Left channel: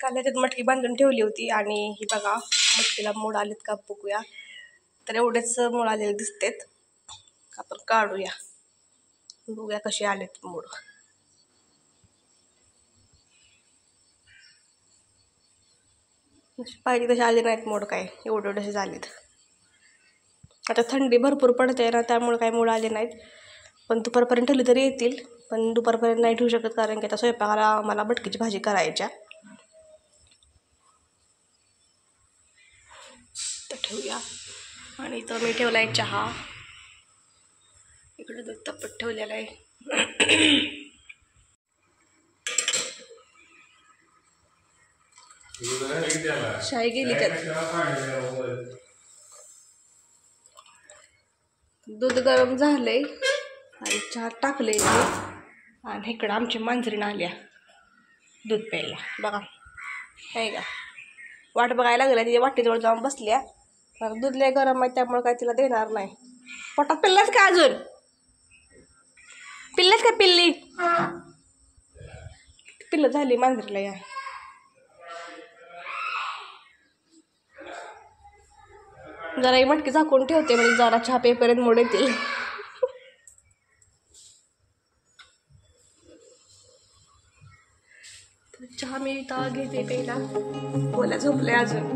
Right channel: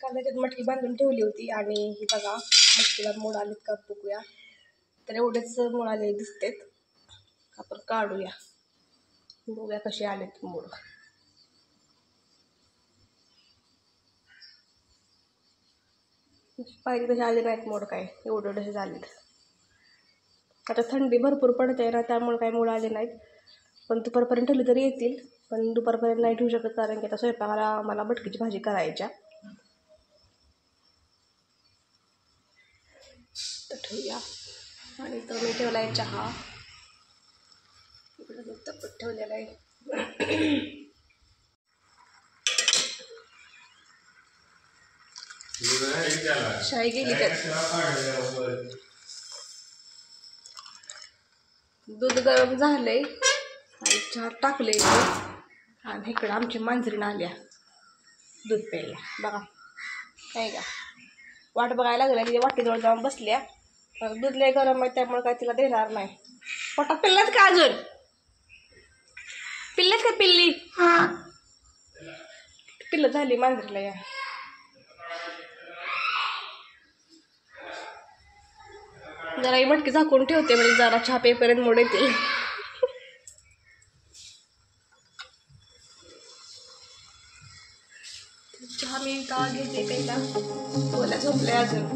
काल ह्याच्यात मटकी बांधून ठेवली होती आणि ही बघा मटकीला मोड आलेत का बघूया. तर एवढेच मोड आलेले दिसतेत. आपण काढूया, बघूया कसे आलेत मोड. पाहिजे तसे आले नाहीत मोड, काय एवढे एवढेसे झालेत. आता थंडी भरपूर पडते ना, त्यामुळे काही मोड आले नाहीत. पण दुपारपर्यंत ठेवली तरी येतील, पण दुपारपर्यंत नाही ठेवू शकत कारण की आता स्वयंपाकाला मला मटकीची भाजी करायच्या. तर ठेवूया. आणि इथं मी ठेवला आहे चहा, इकडे दूध तापत ठेवलेला आहे. शाई गेली त्यात. दूध गरम झालंय आणि चहा टाकले आणि इकडं आमची मांजरीनं आल्या दूध प्यायला. बघा काय का वाट बघायला लागल्या, तिच्या वाटेजवळ जाऊन बसल्या. तर दूध लय गरम आहे त्यामुळे काय तिला देणार नाही. पोटात पिल्लाच का अजून? पिल्लाच का पिल्ली? पिल्लं झाली मांजरीला. या जरा ही मटकी झाकून ठेवते म्हणजे जरा चहा पेपर्यंत मोड येतील. चहा मी का घेते पहिला, बोला झोपले अजून.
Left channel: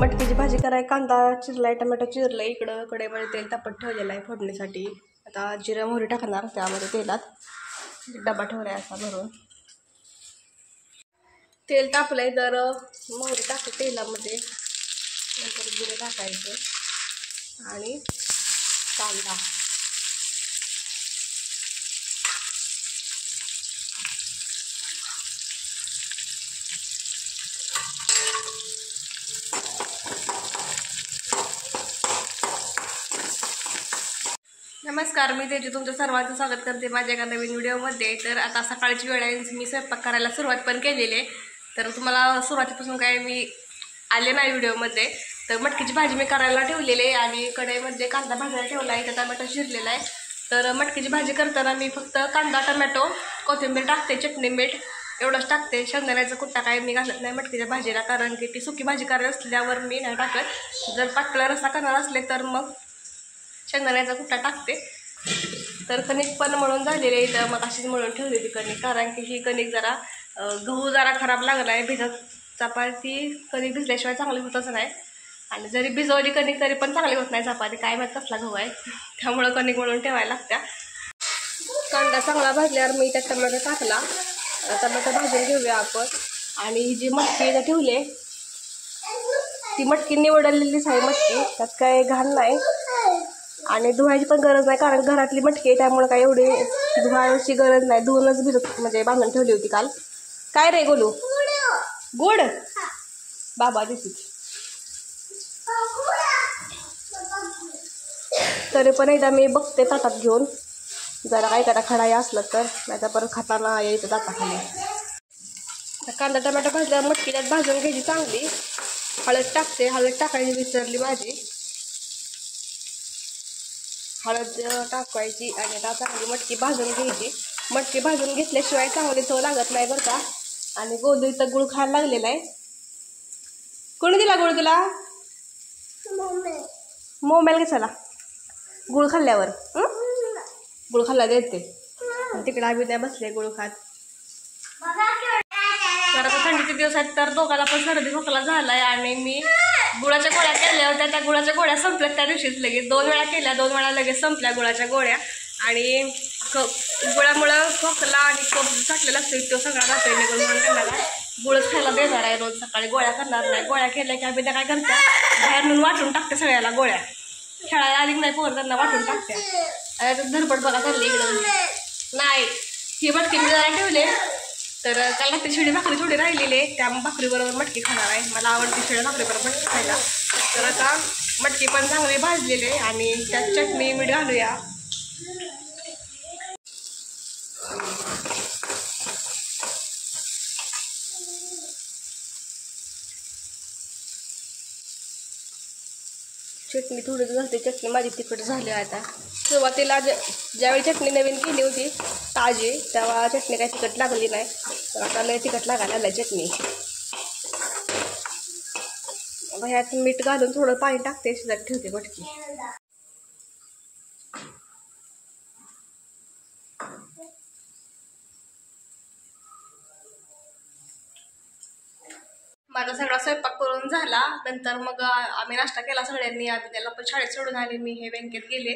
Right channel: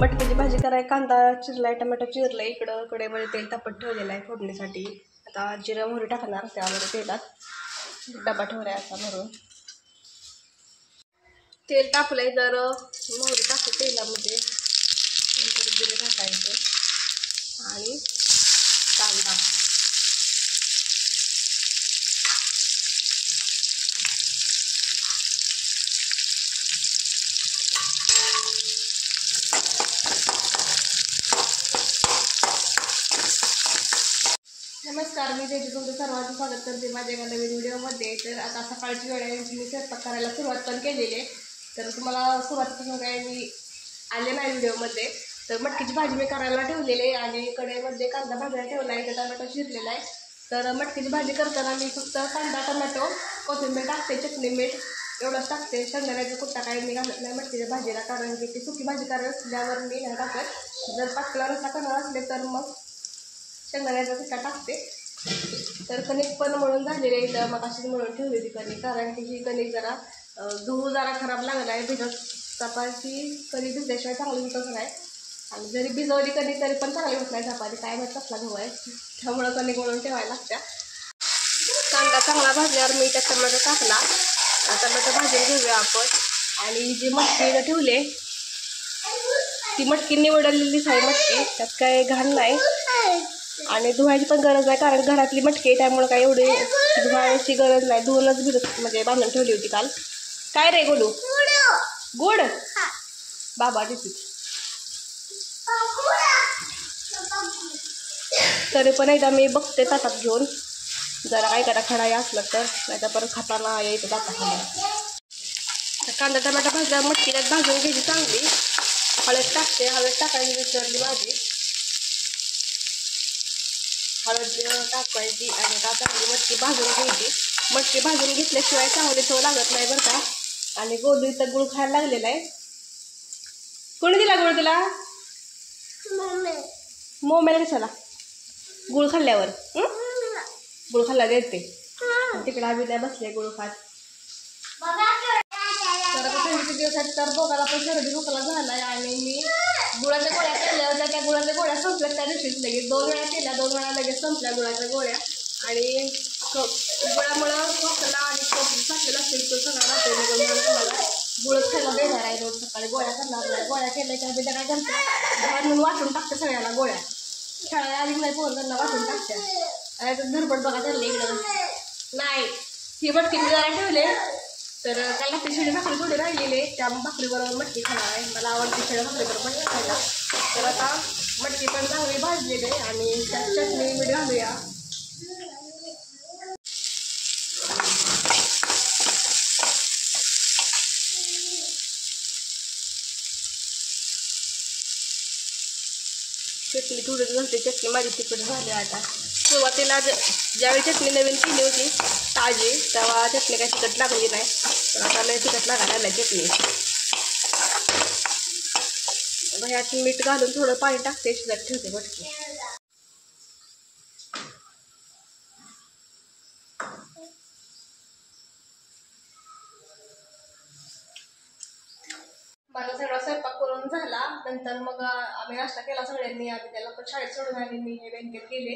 मटकीची भाजी कराय कांदा चिरलाय, टमॅटो चिरलाय, इकडं कढईमध्ये तेल तापत ठेवलेलं आहे फोडणीसाठी. आता जिरं मोहरी टाकणार त्यामध्ये तेलात. डबा ठेवलाय असा भरून. तेल तापलंय तर मोहरी टाकते तेलामध्ये, नंतर जिरं टाकायचं आणि कांदा. नमस्कार, मी तेजू तुमचं सर्वांचं स्वागत करते माझ्या एका नवीन व्हिडिओमध्ये. तर आता सकाळची वेळ आहे, मी स्वयंपाक करायला सुरुवात पण केलेली आहे. तर तुम्हाला सुरुवातीपासून काय मी आले नाही व्हिडिओमध्ये. तर मटकीची भाजी मी करायला ठेवलेली आहे आणि कढईमध्ये कांदा भाजायला ठेवला आहे, त्या टमॅटो चिरलेला आहे. तर मटकीची भाजी करताना मी फक्त कांदा टमॅटो कोथिंबीर टाकते, चटणी मीठ एवढंच टाकते. शेंगदाण्याचा कुट्टा काय मी घालत नाही मटकीच्या भाजीला, कारण की ती सुकी भाजी करायला असल्यावर मी नाही टाकत. जर पातळ रस्सा करणार असले तर मग शेंगदाण्याचा कुट्टा टाकते. तर कणिक पण मळून झालेली आहे, तर मग अशीच मळून ठेवलेली कणिक, कारण की ही कणिक जरा गहू जरा खराब लागला आहे. भिजत चपाती कणिक भिजल्याशिवाय चांगली होतच नाही, आणि जरी भिजवली कणिक तरी पण चांगली होत नाही चपाती. काय माहीत कसला गहू आहे, त्यामुळं कणिक मळून ठेवायला लागत्या. कांदा चांगला भाजल्यावर मी त्यात टमॅटो टाकला. टमॅटो भाजून घेऊया आपण. आणि जी मटकी ठेवले ती मटकी निवडलेलीच आहे मटकी, त्यात काय घाण नाही आणि धुवायची पण गरज नाही, कारण घरातली मटकी आहे त्यामुळे काय एवढी धुवायची गरज नाही. धुवूनच भिजत म्हणजे बांधून ठेवली होती काल. काय रे गोलू? गुड बाबा देते. तरी पण एकदा मी बघते ताटात घेऊन, जरा काय करा खडाई असलं तर, नाही तर परत खाताना यायचं दाताखाली. कांदा टमॅटो भाजल्या मटकी त्यात भाजून घ्यायची चांगली. हळद टाकते, हळद टाकायची विसरली माझी. हळद टाकायची आणि आता चांगली मटकी भाजून घ्यायची. मटकी भाजून घेतल्याशिवाय चांगली चव लागत नाही बरं का. आणि गोलू इथं गुळ खायला लागलेला आहे. कोणी दिला गुळ तुला? मोबाईल कशाला? गुळ खाल्ल्यावर गुळ खाल्ला देते. तिकडे आम्ही नाही बसले गुळ खात. तर आता थंडीचे दिवस आहेत तर दोघाला पण सर्दी खोकला झालाय. आणि मी गुळाच्या गोळ्या केल्या होत्या, त्या गुळाच्या गोळ्या संपल्यात त्या दिवशीच लगेच. 2 वेळा केल्या, 2 वेळा लगेच संपल्या गुळाच्या गोळ्या. आणि गुळामुळं खोकला आणि कफ साठलेला असतो तो सगळा राहतोय निघून, म्हणून त्यांना गुळच खायला देणार आहे रोज सकाळी. गोळ्या करणार नाही. गोळ्या केल्या की आम्ही त्या काय करत्या बाहेर नेऊन वाटून टाकते सगळ्याला गोळ्या. खेळायला आली नाही पोर त्यांना वाटून टाकत्या. धरपड बघा चालली इकडं. नाही ही मटकी मी जरा ठेवले, तर त्याला ती शिळी भाकरी थोडी राहिलेली आहे, त्या भाकरीबरोबर मटकी खाणार आहे. मला आवडते शिळ्या भाकरीबरोबर मटकी खायला. तर आता मटकी पण चांगली भाजलेली आहे आणि त्यात चटणी मीठ घालूया. चटणी थोडी झाली, चटणी माझी तिखट झाली. आता सुरुवातीला ज्यावेळी चटणी नवीन केली होती ताजी, तेव्हा चटणी काही तिखट लागली नाही, तर आता लय तिखट लागायला लागली चटणी. ह्यात मीठ घालून थोडं पाणी टाकते, शिजत ठेवते मटकी. माझा सगळा स्वयंपाक करून झाला. नंतर मग आम्ही नाश्ता केला सगळ्यांनी. आम्ही त्याला पण शाळेत सोडून आले, मी हे बँकेत गेले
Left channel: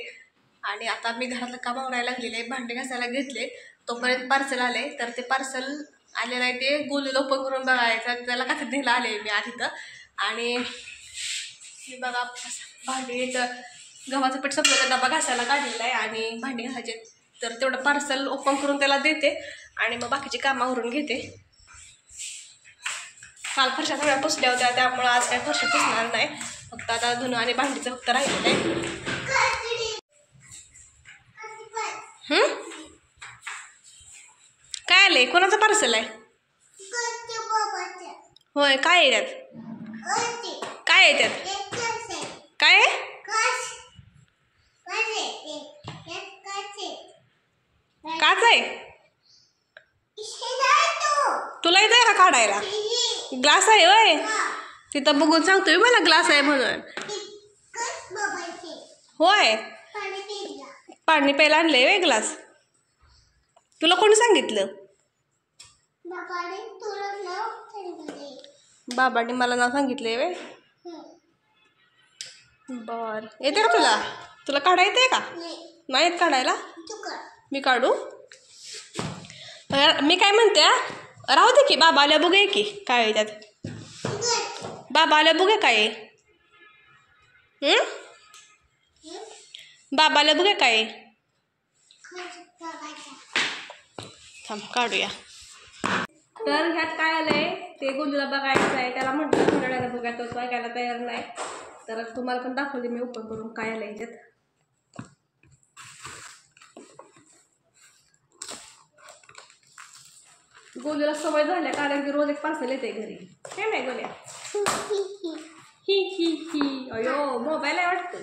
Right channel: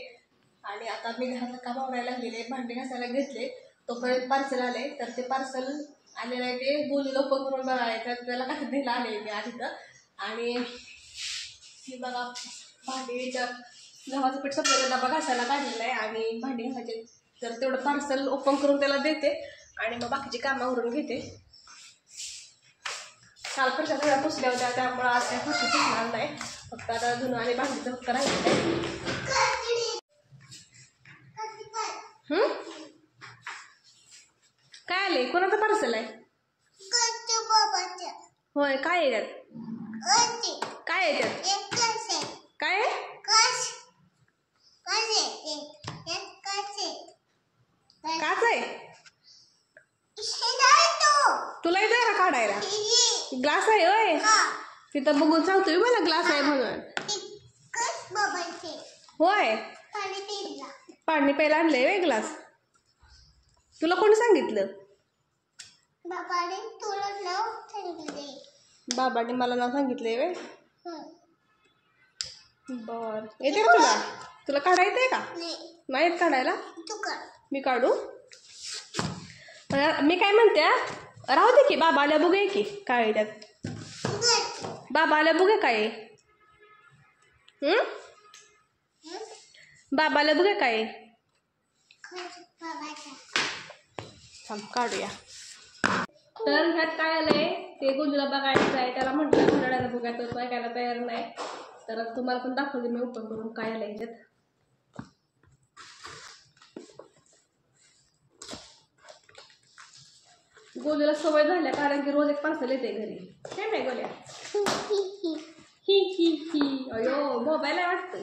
आणि आता मी घरातलं काम आवरायला लागलेले, भांडे घासायला घेतले. तोपर्यंत पार्सल आले, तर ते पार्सल आलेलं आहे ते गोलूला ओपन करून बघायचं. त्याला कसं द्यायला आले मी आज इथं. आणि हे बघा भांडी, गव्हाचं पीठ संपलं, डबा घासायला काढलेला आहे आणि भांडी घासायचे. तर तेवढं पार्सल ओपन करून त्याला देते आणि मग बाकीची कामं आवरून घेते. काल फरशा सगळ्या पुसल्या होत्या, त्यामुळं आज काय फरशी पुसणार नाही. फक्त आता धुणं आणि भांडीचं फक्त राहिलेलं आहे. काय आलंय? कोणाचं पार्सल आहे? होय, काय आहे त्यात? काय आहे त्यात? काय आहे? काच आहे? तुला येत आहे का काढायला? ग्लास आहे होय? तिथं बघून सांगतोय मला ग्लास आहे म्हणून. होय, पाणी प्यायला आणलंय वे ग्लास. तुला कोणी सांगितलं? बाबांनी मला नाव सांगितलंय वे. बर, येते का तुला? तुला काढा येते का? नाही येत काढायला? मी काढू? मी काय म्हणते, राहू दे की, बाबा आल्या बघूया की काय आहे त्यात. बाबा आल्या बघूया काय आहे. बाबा आल्या बघूया काय आहे. थांब काढूया. तर ह्यात काय आलंय ते गोलूला बघायचं आहे. त्याला म्हटलं थोड्या वेळाला बघा, तो ऐकायला तयार नाही. तर तुम्हाला पण दाखवते मी ओपन करून काय आलंय ह्याच्यात. गोलूला सवय झाल्या, कारण की रोज एक पार्सल येते घरी. काय नाही गोल्या? ही ही ही. अयो, मोबाईल आहे वाटतं.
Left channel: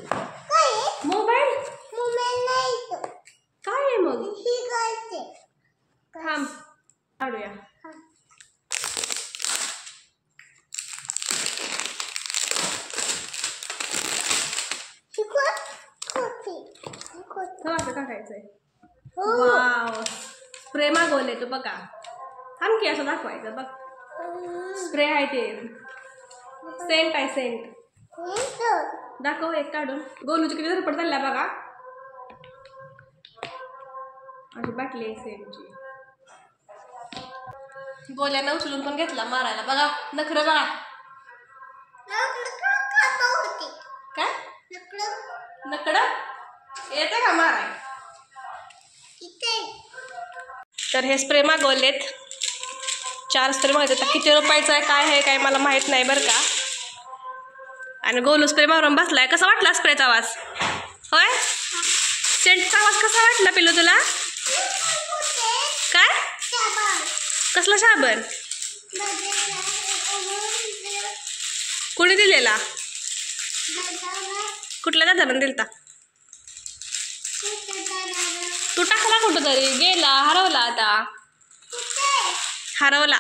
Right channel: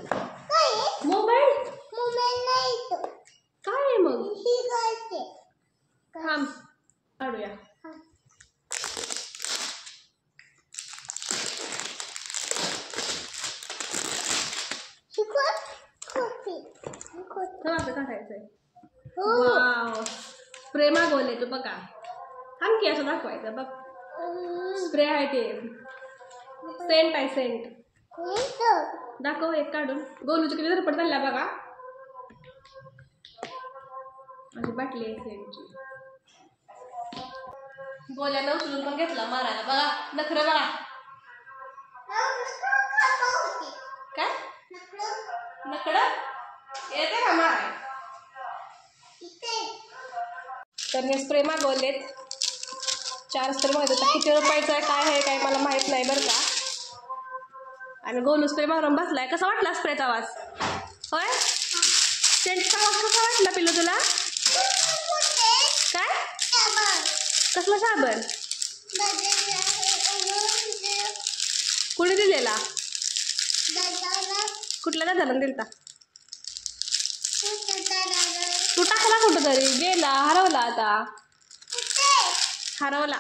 मोबाईल काय आहे मग? थांब काढूया. असं काढायचंय. वाव, स्प्रे मागवले तू बघा. थांब की, असं दाखवायचं बघ. स्प्रे आहे ते, सेंट आहे, सेंट. दाखव एक काढून. गोलूची किती धरपड चालल्या बघा. अशी बाटली आहे सेंटची. गोल्यानं उचलून पण घेतला मारायला बघा. नखरं बघा. काय नकडं येते का माराय? तर हे स्प्रे मागवलेत, 4 स्प्रे मागवले. किती रुपयाचं आहे काय आहे काय मला माहित नाही बरं का. आणि गोलू स्प्रे मारून बसलाय. कसा वाटला स्प्रेचा आवाज? होय, सेंटचा आवाज कसा वाटला पिल्लू तुला? काय? कसला साबण? कोणी दिलेला? कुठल्या दादानं दिलता? तू टाकला कुठं तरी, गेला, हरवला. आता हरवला.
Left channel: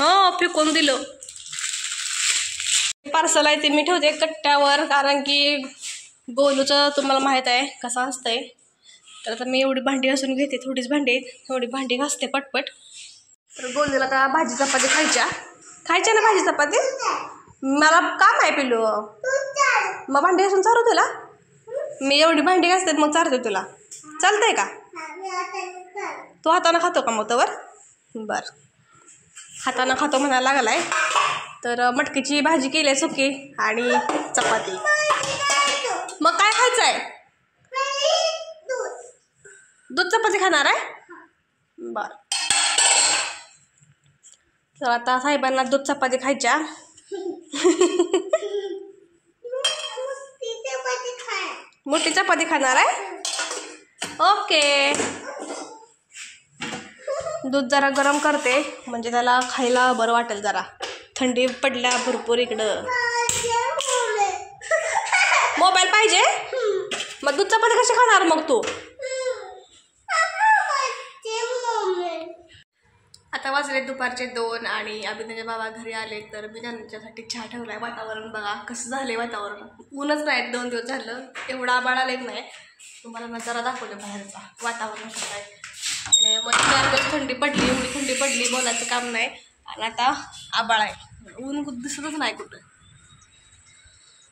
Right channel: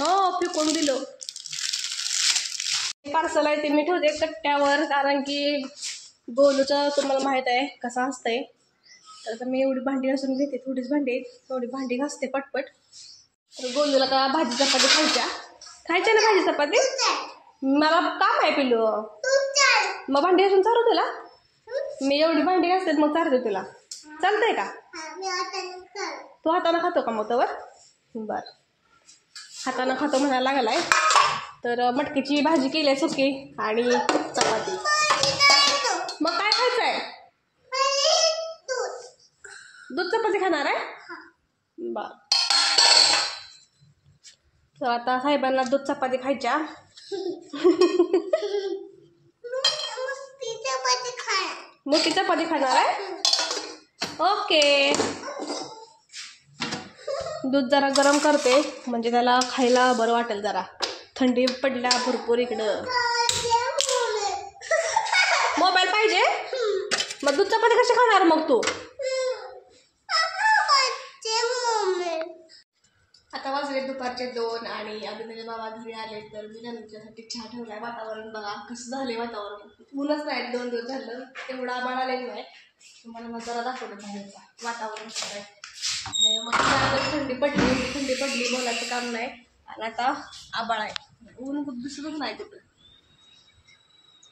हो, फेकून दिलो. पार्सल आहे ते मी ठेवते कट्ट्यावर, कारण की गोलूचं तुम्हाला माहीत आहे कसं असतंय. तर आता मी एवढी भांडी घासून घेते, थोडीच भांडी आहेत, थोडी भांडी घासते पटपट. तर गोलूला का भाजी चपाती खायच्या ना भाजी चपाती? मला काम आहे पिलू. मग भांडी घासून चालू तुला? मी एवढी भांडी घासते मग चालते तुला, चालतंय का? तू हातानं खातो का मग तवर? बरं, हातानं खातो म्हणायला लागलाय. तर मटकीची भाजी केली आहे सुकी आणि चपाती. मग काय खायचं आहे? दूध चपाती खाणार आहे? बरं, तर आता साहेबांना दूध चपाती खायच्या. मोठी चपाती खाणार आहे? ओके. दूध जरा गरम करते, म्हणजे त्याला खायला बरं वाटेल. जरा थंडी पडल्या भरपूर इकडं. मोबाईल पाहिजे? मग दूध चपाती कशी खाणार मग तू? आता वाजले दुपारचे 2 आणि अभिनयचे बाबा घरी आले तर मी त्यांच्यासाठी चहा ठेवलाय. वातावरण बघा कसं झालंय वातावरण. ऊनच नाही 2 दिवस झालं. एवढा आभाळ आलेच नाही. तुम्हाला नजारा दाखवते बाहेरचा वातावरण कसं आहे. आणि मग 4 दिवस थंडी पडली, एवढी थंडी पडली बोलायचं काम नाही. आणि आता आभाळ आहे. ऊन दिसतच नाही कुठं.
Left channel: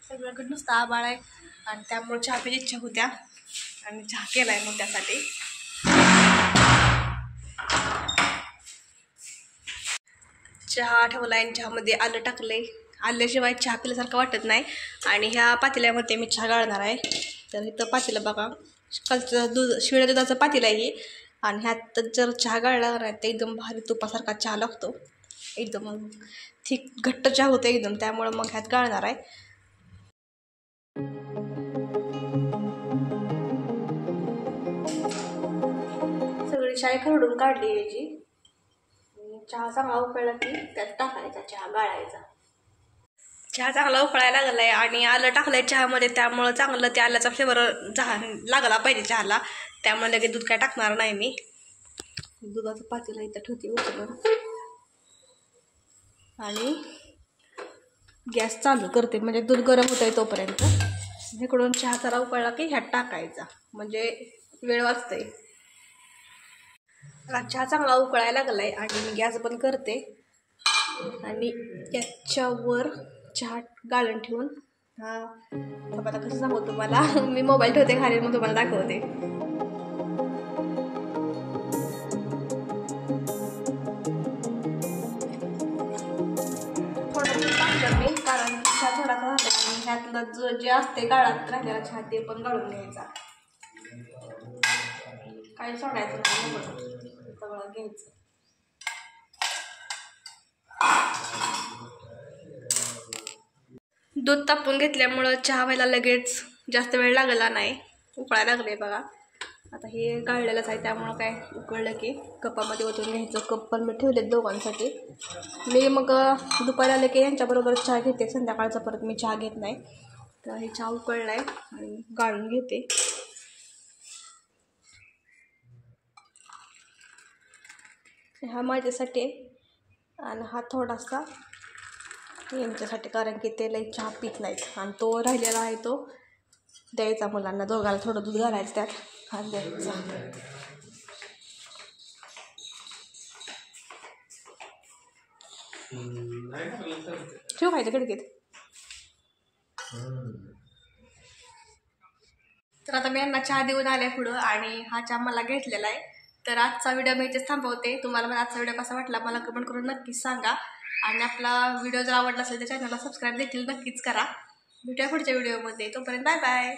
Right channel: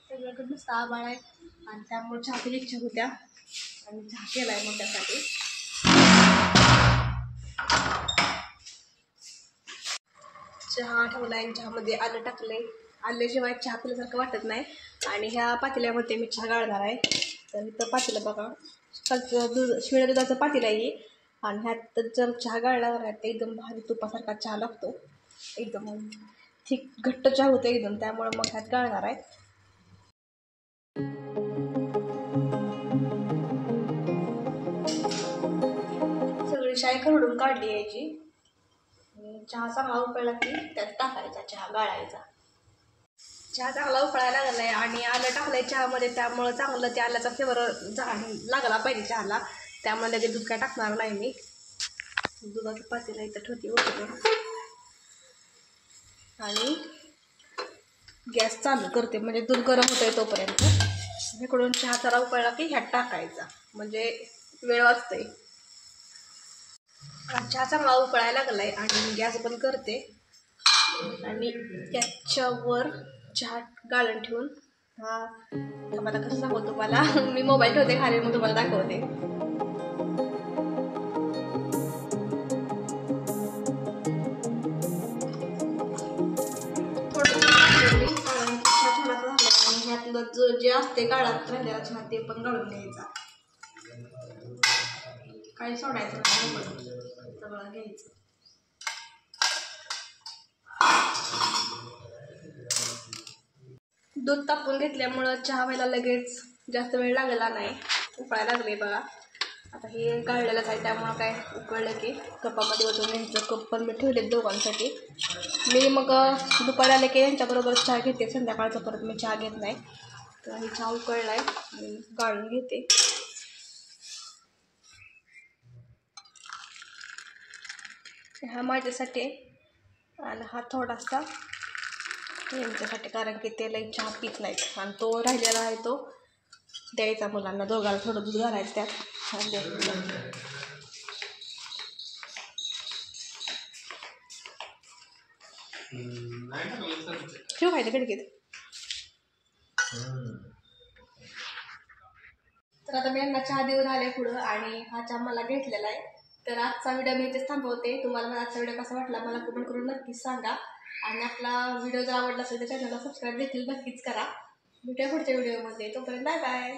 सगळ्याकडे नुसतं आभाळ आहे आणि त्यामुळे चहा प्यायची इच्छा होत्या आणि चहा केलाय मग त्यासाठी. चहा ठेवला आणि चहामध्ये आलं टाकले. आल्याशिवाय चहा पिल्यासारखं वाटत नाही. आणि ह्या पातेल्यामध्ये मी चहा गाळणार आहे. तर इथं पातेलं बघा, कालचं दूध शिळ्या दुधाचं पातेलं आहे. आणि ह्यात जर चहा गाळला नाही तर एकदम भारी तुपासारखा चहा लागतो. एकदम थिक घट्ट चहा होतो एकदम. त्यामुळं मग ह्यात गाळणार आहे. सगळी शाई खरडून काढली यायची. चहा चांगला उकळला की त्यात टाकायचा, चहा गाळायचा. चहा चांगला उकळायला लागलाय आणि आलं टाकलंय चहामध्ये. त्यामुळं चांगलं त्या आल्याचा फ्लेवर लागला पाहिजे चहाला. त्यामुळे लगेच दूध काय टाकणार नाही मी. दुधाचं पातेलं इथं ठेवते उचलून आणि गॅस चालू करते म्हणजे दूध गरम होतंय तोपर्यंत. इकडून चहा जरा उकळला की ह्यात टाकायचा म्हणजे वेळ वाचतंय. चहा चांगला उकळायला लागलाय आणि मी गॅस बंद करते आणि त्याच्यावर चहा गाळण ठेवून थांबा आता कसं सांगू तुम्हाला. मी मोबाईल ठेवते खाली मग तुम्हाला दाखवते. थोडंसं टाकलं मी कारण चहा थोडासा झाला आणि ह्यातलं जे असते गाळात राहिलेला चहा ते पण गाळून घ्यायचा. काही सोडायचं नाही, सगळं घ्यायचं. दूध तापवून घेतल्यामुळं चहा व्हायला लगेच जास्त वेळ लागला नाही. उकळायला लागले बघा. आता हे गाळलेलंच आहे त्यामुळं काय उकळलं की कपामध्ये ओतून घ्यायचं. कप पण मी ठेवलेत दोघांसाठी. मी मग दुपारी आले की यांच्याबरोबर चहा घेते. संध्याकाळचा परत मी चहा घेत नाही. तर हे चहा उकळला आहे आणि गाळून घेते. हा माझ्यासाठी आणि हा थोडासा यांच्यासाठी कारण की ते लई चहा पित नाहीत. आणि तो राहिलेला आहे तो द्यायचा मुलांना. दोघाला थोडं दूध घालायचं त्यात आणि द्यायचं. ठेव खायचं खिडकीत. तर आता मी यांना चहा देऊन आले पुढं आणि हा चहा मला घेतलेला आहे. तर आजचा व्हिडिओ मी इथेच थांबवते. तुम्हाला मला आजचा व्हिडिओ कसा वाटला मला कमेंट करून नक्कीच सांगा. आणि आपला व्हिडिओ जर आवडला असेल तर चॅनलला सबस्क्राईब देखील नक्कीच करा. भेटूया पुढच्या व्हिडिओमध्ये. तोपर्यंत बाय बाय.